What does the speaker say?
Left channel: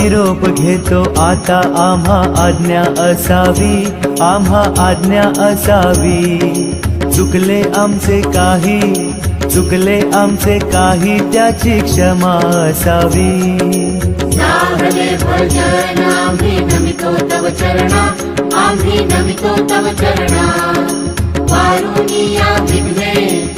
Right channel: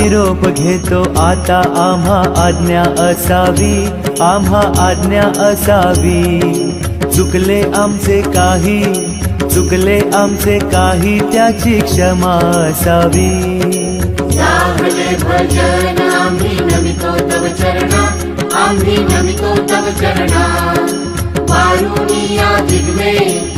निरोप घेतो आता, आम्हा आज्ञा असावी, आम्हा आज्ञा असावी. चुकले आमचे काही, चुकले आमचे काही, त्याची क्षमा असावी. लागले भजन आम्ही नमितो तव चरणा, आम्ही नमितो तव चरणा. वारुनिया जिग्मे